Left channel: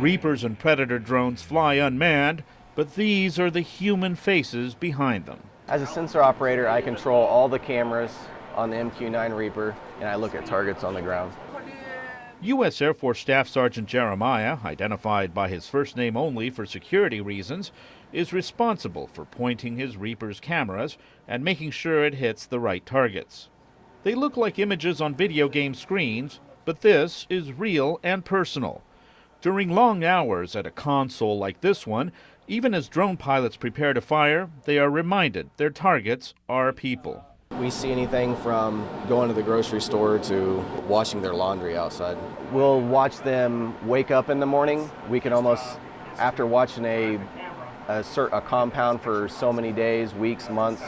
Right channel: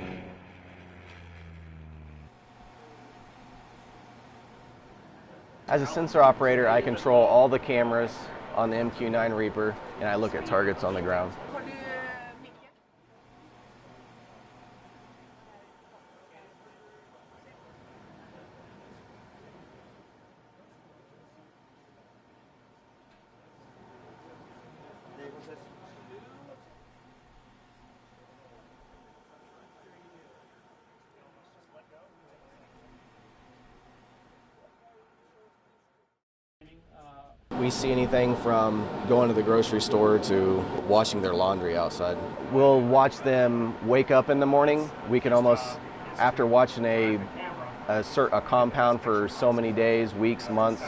Reapers and Predator drones fly unmanned, but these are the human faces behind them. As a sensor operator, I control all the cameras on the MQ-9 Reaper, and I look at targets on the ground. U.S. Air Force Staff Sergeant Jeremiah, identified by his first name only for security reasons, is responsible for pointing his Reaper's cameras and making sure it hits the right targets. They look like images on video game screens, but this is real and personal. During long hours at a console like this one, even as drone pilots prepare to fire, they are reminded their targets are people. We see anything from going to the grocery store to washing their laundry outside. We'll watch them wake up in the morning. We can almost, after watching a compound for so many days, weeks, months,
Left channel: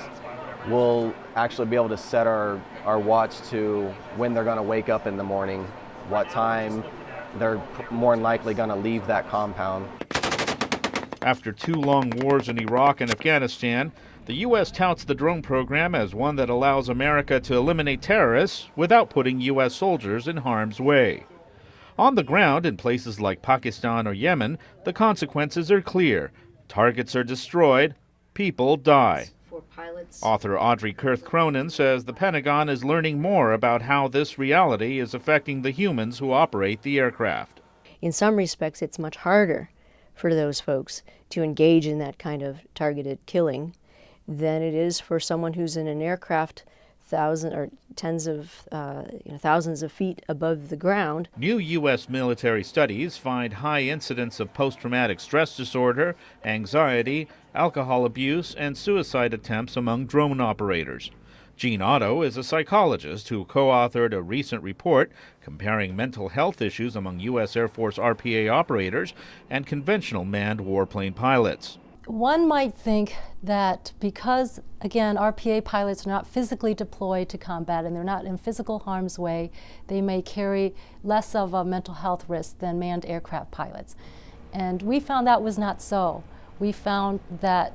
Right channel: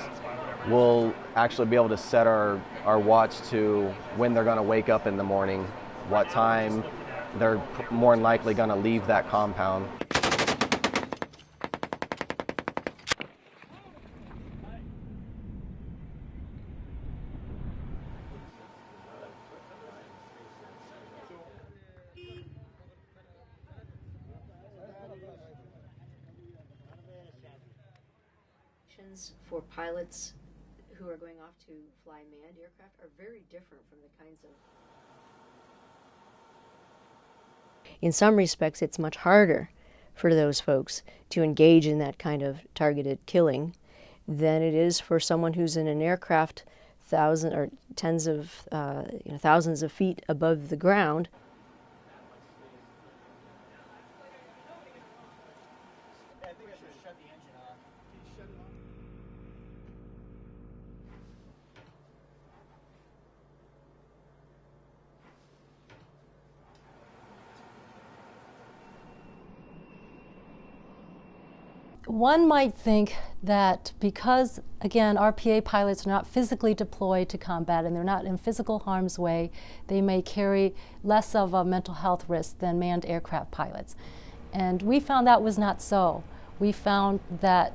we'll actually be able to set our watch to when they're going to wake up in the morning, what time they're more than likely going to leave that compound. After 2 long wars in Iraq and Afghanistan, the U.S. touts the drone program as one that allows America to eliminate terrorists without putting U.S. soldiers in harm's way. On the ground, in places like Pakistan or Yemen, the consequences are clear. Targets are destroyed, people die. Author Audrey Kurth Cronin says the Pentagon is learning more about how this reality is affecting the humans who operate the aircraft. In some respects, it's much harder for those folks to engage in that kind of targeted killing than it is for someone who's in an aircraft thousands of feet above the ground. New U.S. military studies find high incidence of post-traumatic stress disorder, anxiety, alcohol abuse, and suicide attempts among drone operators. Gene Otto is a psychologist who co-authored a recent report comparing mental health issues among U.S. Air Force RPA operators and conventional manned warplane pilots. One might think that because, again, RPA pilots are not physically deployed to combat and they're not in physical harm's way, they may carry less of a mental health risk than manned aircraft pilots. And we found that was not so. We found that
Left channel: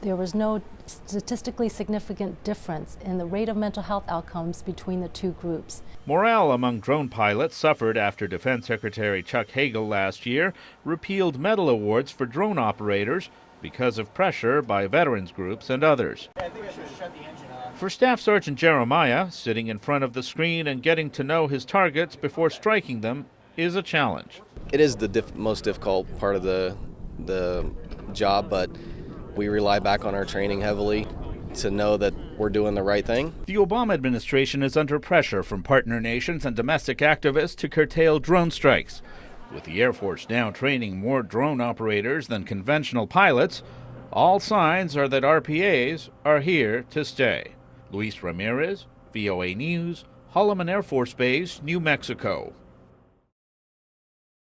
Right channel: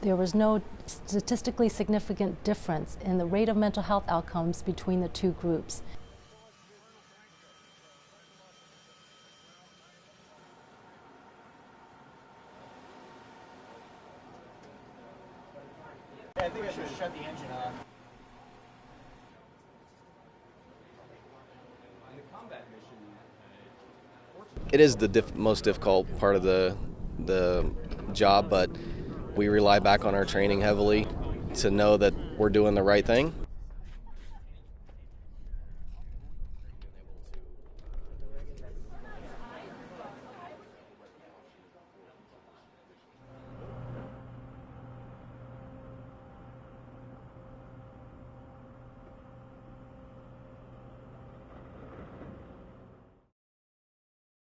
there was no statistically significant difference in the rate of mental health outcomes between the two groups. Morale among drone pilots suffered after Defense Secretary Chuck Hagel last year repealed medal awards for drone operators because of pressure by veterans groups and others. I think I should shut the engine off. For Staff Sergeant Jeremiah, sitting in front of the screen and getting to know his targets before striking them is a challenge. It is the most difficult part of the job, but we rely back on our training heavily to know that we're doing the right thing. The Obama administration is under pressure from partner nations and domestic activists to curtail drone strikes. With the Air Force now training more drone operators than conventional pilots, all signs are that RPAs are here to stay. Luis Ramirez, VOA News, Holloman Air Force Base, New Mexico.